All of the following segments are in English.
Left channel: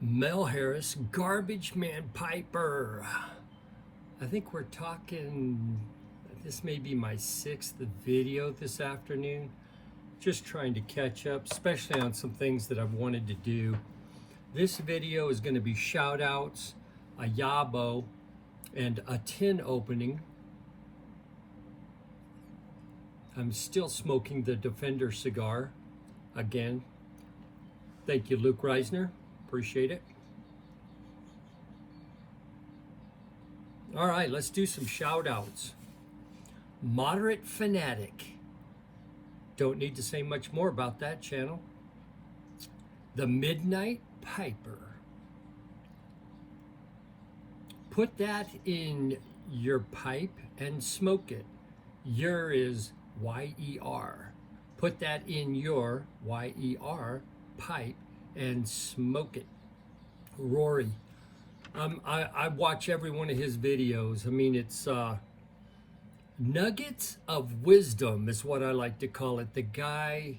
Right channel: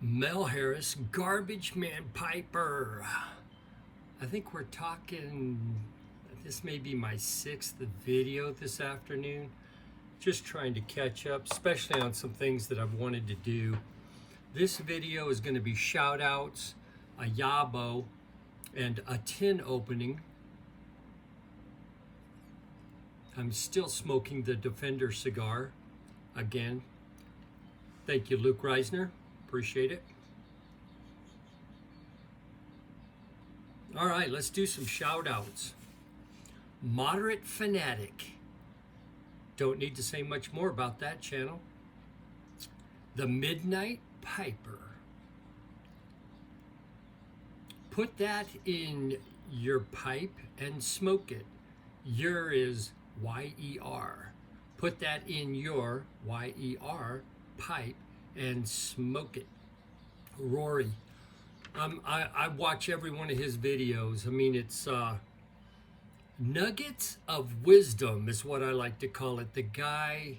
Mel Harris, Garbagemanpiper. I think we're talking, this may be my 6th video this afternoon. Just trying to catch up, especially on some things that I've wanted to do. This video is going to be shout outs, a YABO, and a tin opening. I'm still smoking the Defender cigar. Again, thank you, Luke Reisner. Appreciate it. All right, let's do some shout outs. Moderate Fanatic. Don't need to say much more about that channel. The Midnight Piper. Put that in your pipe and smoke it. Your is Y-E-R. Put that in your Y-E-R pipe and smoke it. Rory. I watch every one of his videos. I mean, it's nuggets of wisdom is what I like to call it. The guy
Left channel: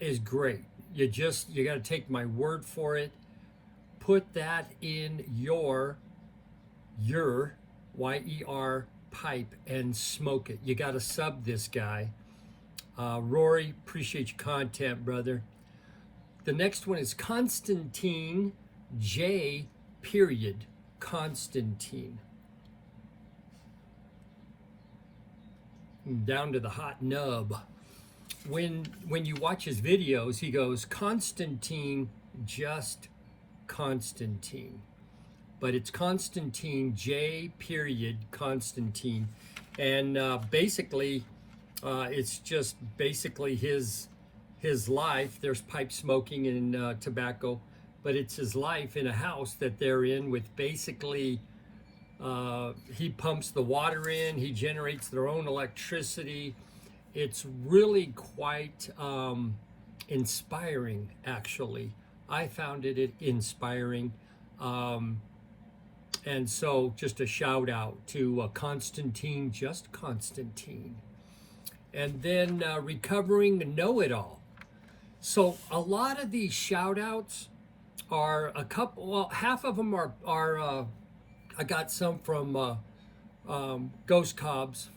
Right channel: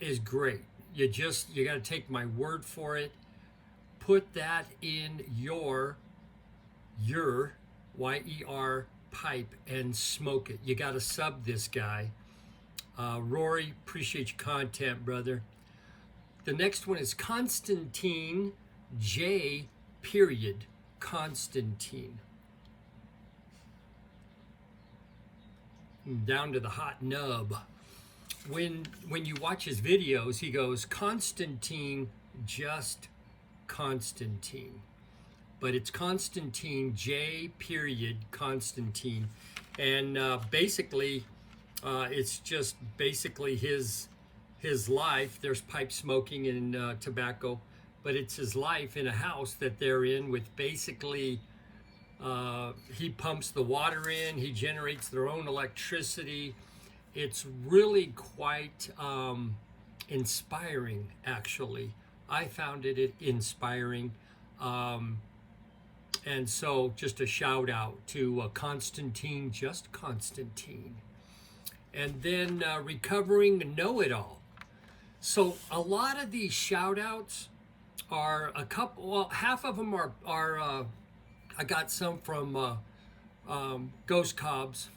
is great. You got to take my word for it. Put that in your Y-E-R pipe and smoke it. You got to sub this guy. Rory, appreciate your content, brother. The next one is Constantine J. Period. Constantine. Down to the hot nub. When you watch his videos, he goes Constantine, just Constantine. But it's Constantine J. Period. Constantine. And basically, it's just basically his life. There's pipe smoking and tobacco, but it's his life in a house that they're in with basically, he pumps the water in, he generates their own electricity. It's really quite inspiring, actually. I found it inspiring. And so just a shout out to Constantine, just Constantine. And then Recovering Know-It-All. So a lot of these shout outs are a couple, well, half of them are I got some from Ghost Cobb's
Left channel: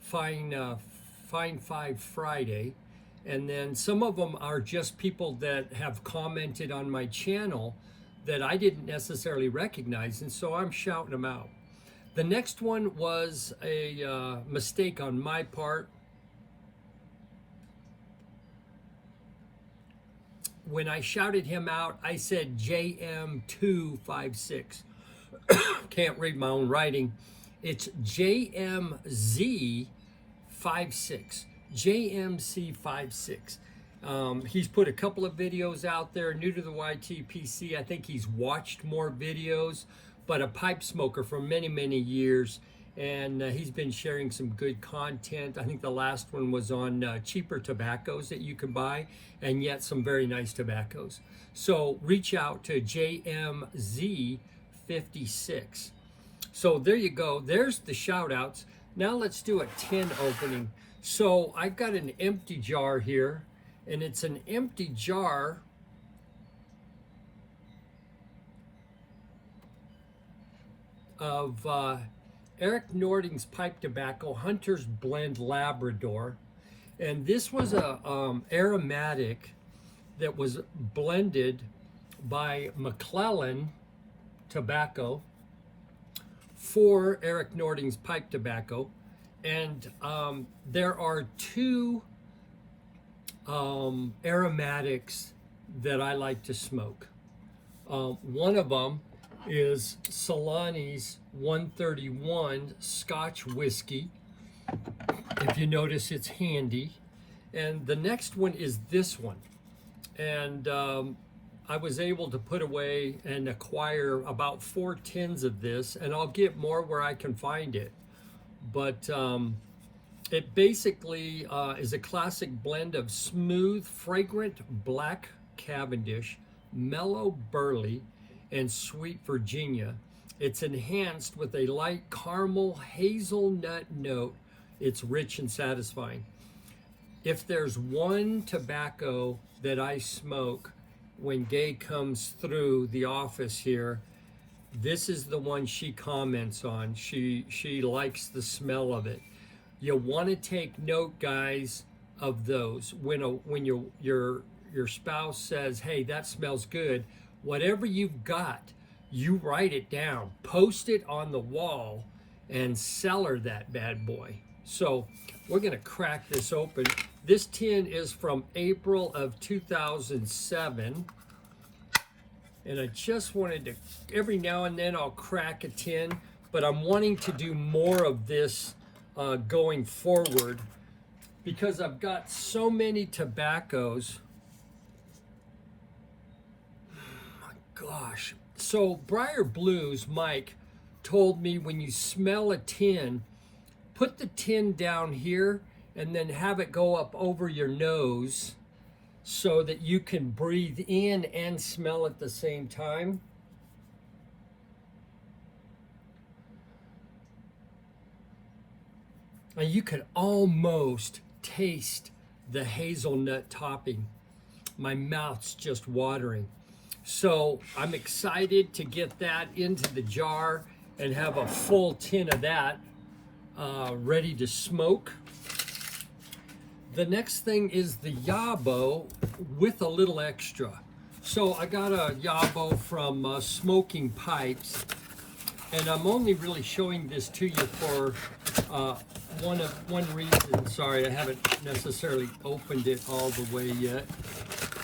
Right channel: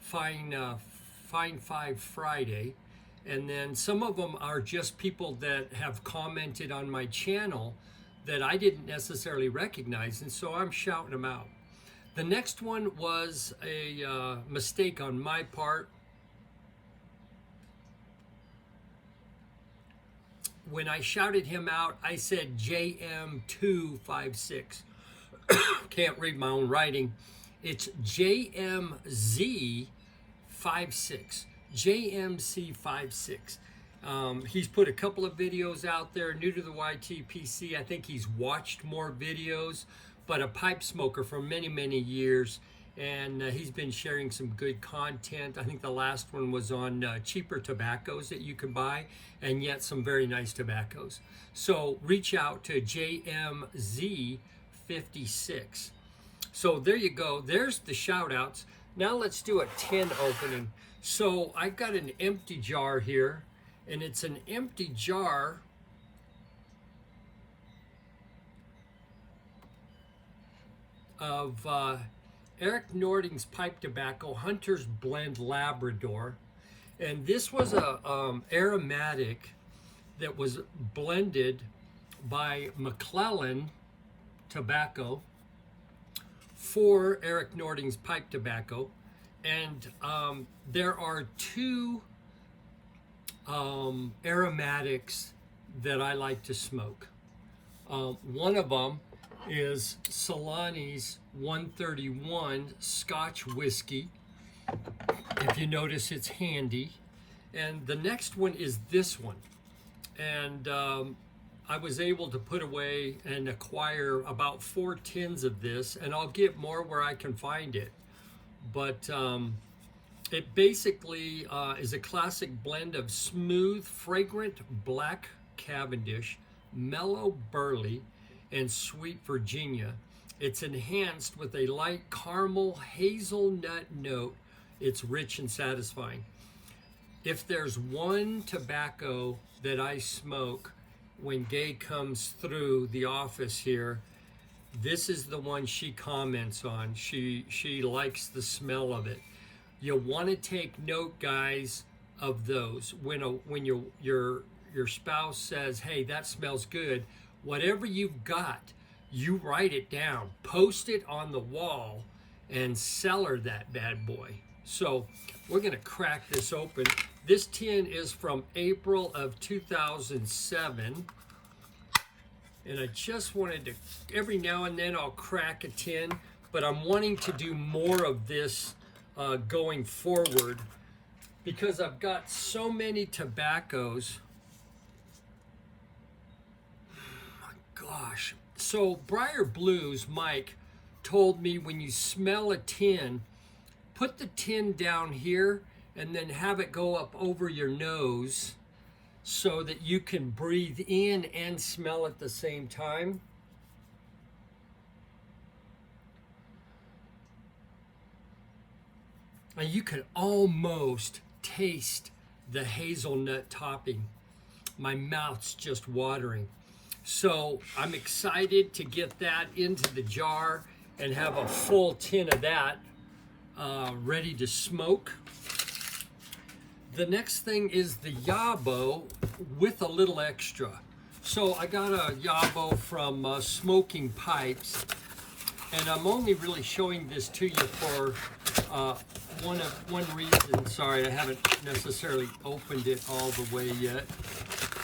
Fine 5 Friday. And then some of them are just people that have commented on my channel that I didn't necessarily recognize. And so I'm shouting them out. The next one was a mistake on my part. When I shouted him out, I said JM256. Can't read my own writing. It's JMZ56. JMC56. He's put a couple of videos out there, new to the YTPC. I think he's watched more videos, but a pipe smoker for many, many years. And he's been sharing some good content. I think the last one was on cheaper tobaccos that you can buy, and yet some very nice tobaccos. So reach out to JMZ56. So there you go. There's the shout outs. Now let's do a tin opening. So I got an empty jar here, and it's an empty jar of Eric Nording's pipe tobacco, Hunter's Blend Labrador. And this was a aromatic that was blended by McClellan Tobacco for Eric Nording's pipe tobacco. And there are two aromatics that I like to smoke. One of them is Solani's 131 Scotch whiskey. If you notice, it's handy. And the next one is this one. And I was able to put away and acquire about 4 tins of this, and I'll get more where I can find it. But it basically is a classic blend of smooth, fragrant black Cavendish, mellow burley, and sweet Virginia. It's enhanced with a light caramel hazelnut note. It's rich and satisfying. If there's one tobacco that I smoke when Gay comes through the office here, this is the one she comments on. She likes the smell of it. You want to take note, guys, of those. When your spouse says, hey, that smells good, whatever you've got, you write it down, post it on the wall, and cellar that bad boy. So we're going to crack this open. This tin is from April of 2007. And I just wanted to, every now and then I'll crack a tin, but I'm wanting to do more of this going forward because I've got so many tobaccos. Oh my gosh. So Briar Blues, Mike, told me when you smell a tin, put the tin down here and then have it go up over your nose so that you can breathe in and smell at the same time. Now you can almost taste the hazelnut topping. My mouth's just watering. So I'm excited to get that into the jar and have a full tin of that ready to smoke. The next thing is the YABO with a little extra. So I got a YABO from Smoking Pipes, and I'm only really showing this to you for one reason. Sorry, I haven't necessarily opened it all the way yet.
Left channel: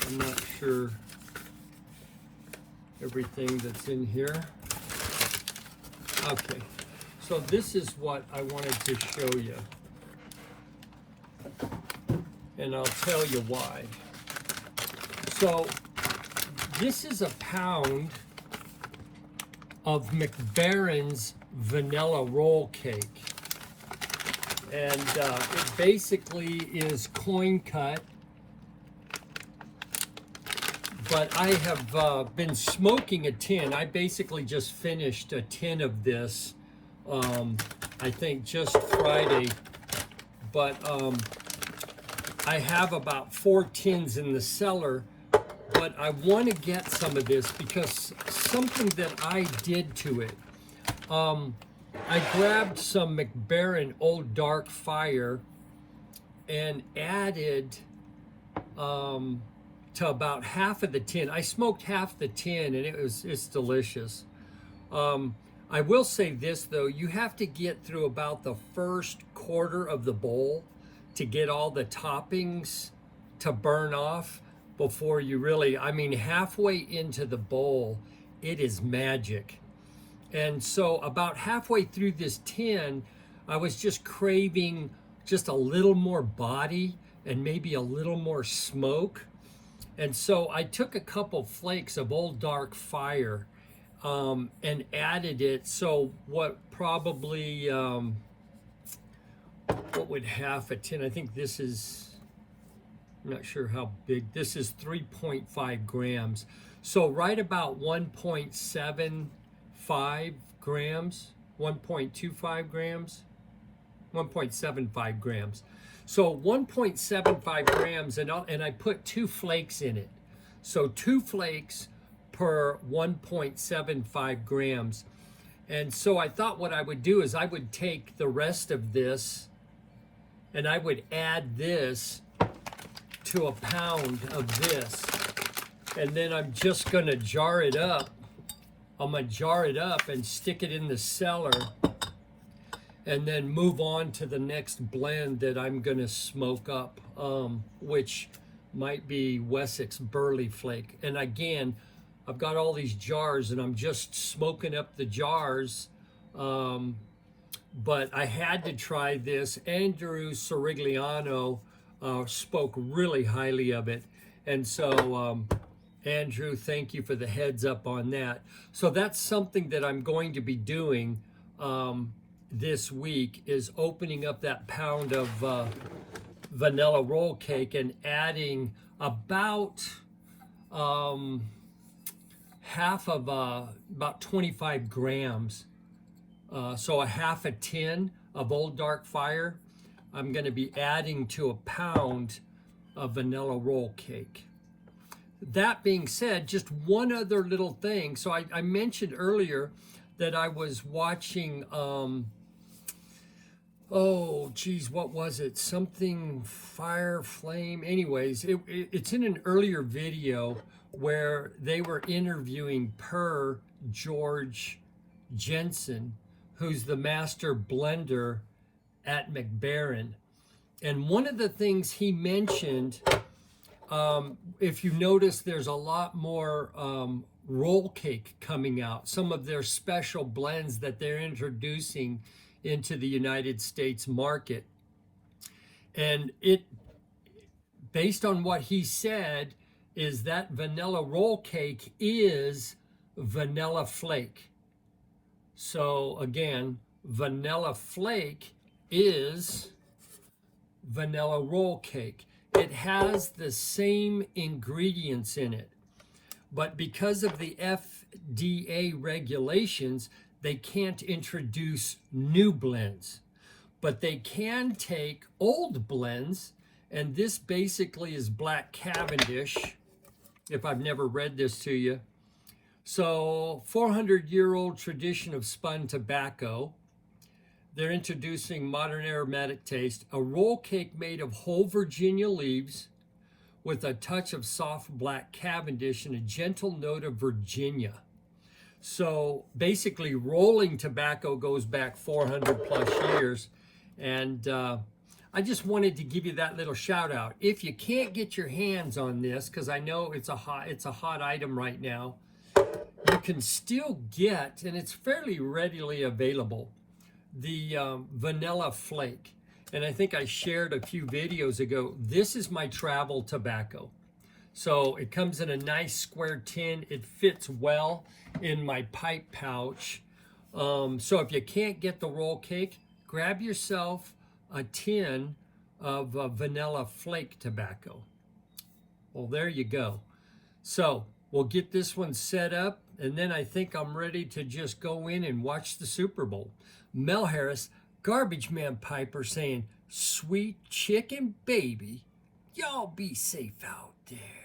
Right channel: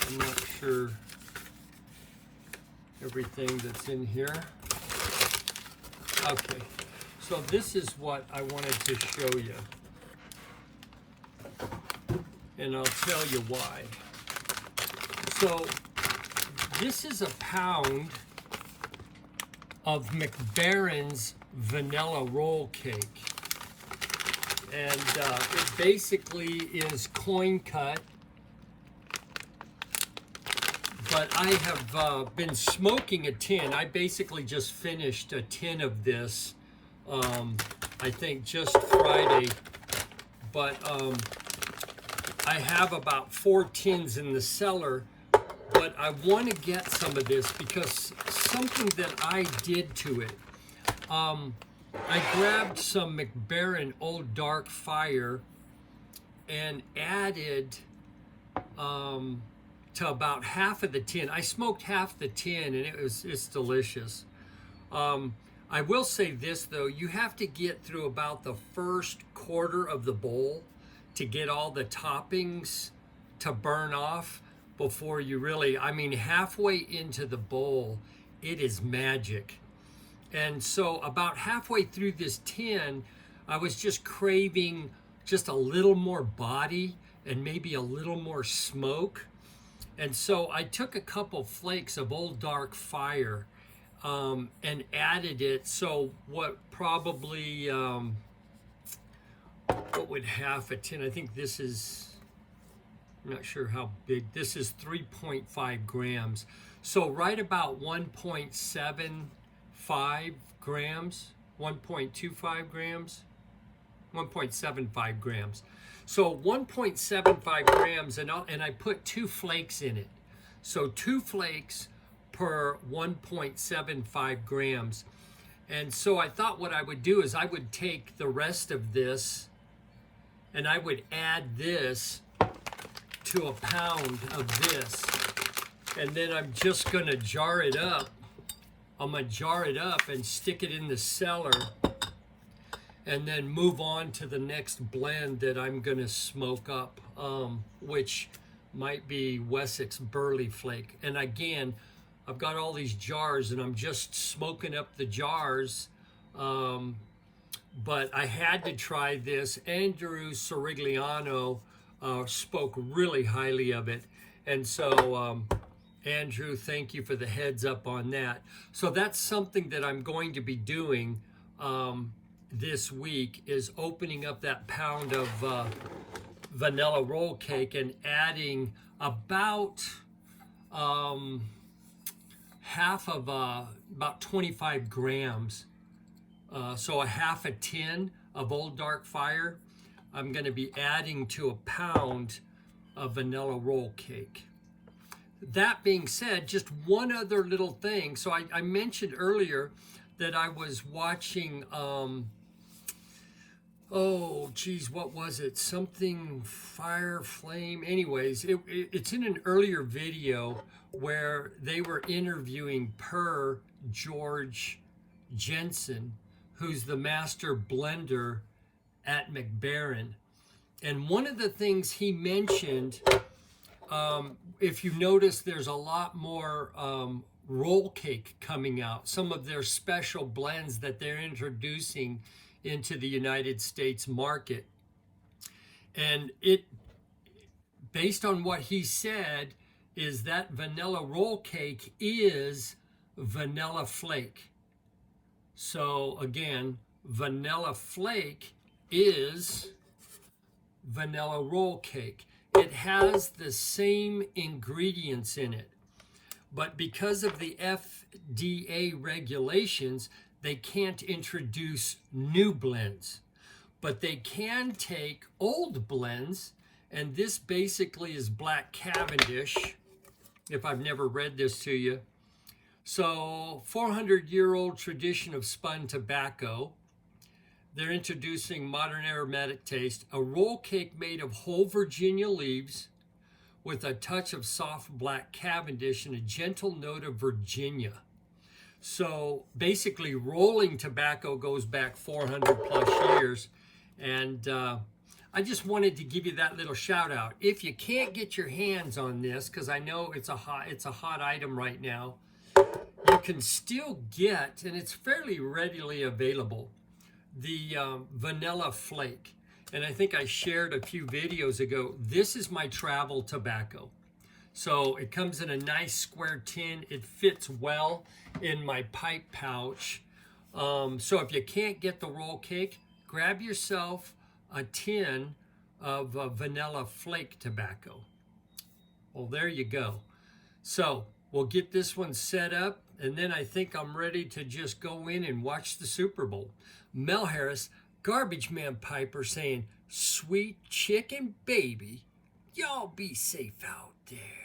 I'm not sure everything that's in here. Okay, so this is what I wanted to show you. And I'll tell you why. So this is a pound of McBaron's vanilla roll cake. And it basically is coin cut. But I have been smoking a tin. I basically just finished a tin of this, I think just Friday. But I have about 4 tins in the cellar, but I want to get some of this because something that I did to it. I grabbed some McBaron Old Dark Fire and added to about half of the tin. I smoked half the tin and it's delicious. I will say this though, you have to get through about the first quarter of the bowl to get all the toppings to burn off before you really, I mean, halfway into the bowl, it is magic. And so about halfway through this tin, I was just craving just a little more body and maybe a little more smoke. And so I took a couple flakes of Old Dark Fire and added it. So what probably, what would half a tin? I think this is, I'm not sure how big. This is 3.5 grams. So right about 1.75 grams, 1.25 grams, 1.75 grams. So 1.75 grams, and I put 2 flakes in it. So 2 flakes per 1.75 grams. And so I thought what I would do is I would take the rest of this and I would add this to a pound of this. And then I'm just gonna jar it up. I'm gonna jar it up and stick it in the cellar and then move on to the next blend that I'm gonna smoke up, which might be Wessex Burley Flake. And again, I've got all these jars and I'm just smoking up the jars, but I had to try this. Andrew Sorigliano spoke really highly of it. And so, Andrew, thank you for the heads up on that. So that's something that I'm going to be doing this week, is opening up that pound of vanilla roll cake and adding about half of about 25 grams. So a half a tin of Old Dark Fire, I'm going to be adding to a pound of vanilla roll cake. that being said, just one other little thing. So I mentioned earlier that I was watching, oh geez, what was it? Something fire, flame. Anyways, it's in an earlier video where they were interviewing George Jensen, who's the master blender at McBaron. And one of the things he mentioned, if you notice, there's a lot more roll cake coming out, some of their special blends that they're introducing into the United States market. And it, based on what he said, is that vanilla roll cake is vanilla flake. So again, vanilla flake is vanilla roll cake. It has the same ingredients in it, but because of the FDA regulations, they can't introduce new blends, but they can take old blends, and this basically is Black Cavendish, if I've never read this to you. So 400-year-old tradition of spun tobacco. They're introducing modern aromatic taste, a roll cake made of whole Virginia leaves with a touch of soft Black Cavendish and a gentle note of Virginia. So basically, rolling tobacco goes back 400 plus years. And I just wanted to give you that little shout out. If you can't get your hands on this, because I know it's a hot item right now, you can still get, and it's fairly readily available, the vanilla flake. And I think I shared a few videos ago, this is my travel tobacco. So it comes in a nice square tin. It fits well in my pipe pouch. So if you can't get the roll cake, grab yourself a tin of vanilla flake tobacco. Well, there you go. So we'll get this one set up, and then I think I'm ready to just go in and watch the Super Bowl. Mel Harris, Garbagemanpiper, saying, "Sweet chicken baby, y'all be safe out there."